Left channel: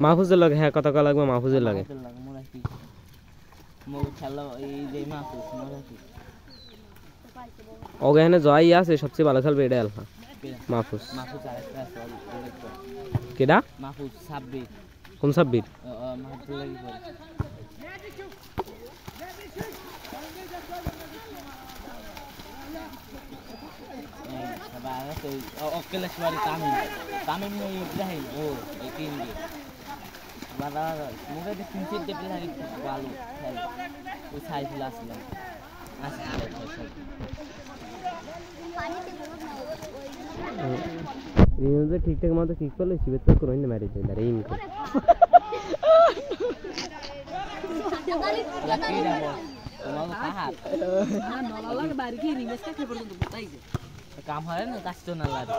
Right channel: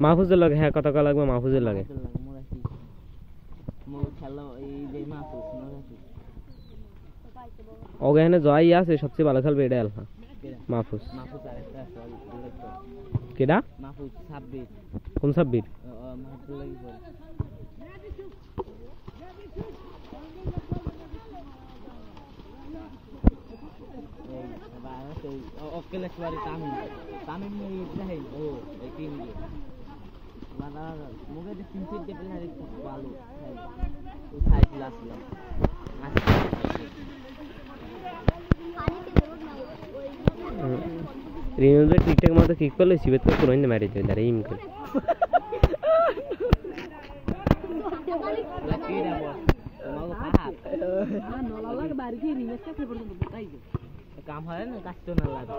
মাহফুজের লাগে হ্যাঁ কত লাগবে মাহফুজের লাগে ওখানে জয় আছে সবচেয়ে ভালো খেলবে এটা আলফা মাহফুজ কেডা কোন সাব্বির রিনোদের ঠিকঠাক মতো কিক করলে সিবেত করে পুরো হিন্দে মারি দেবে ইম করে কাম হয় না কাজ তো না লাগে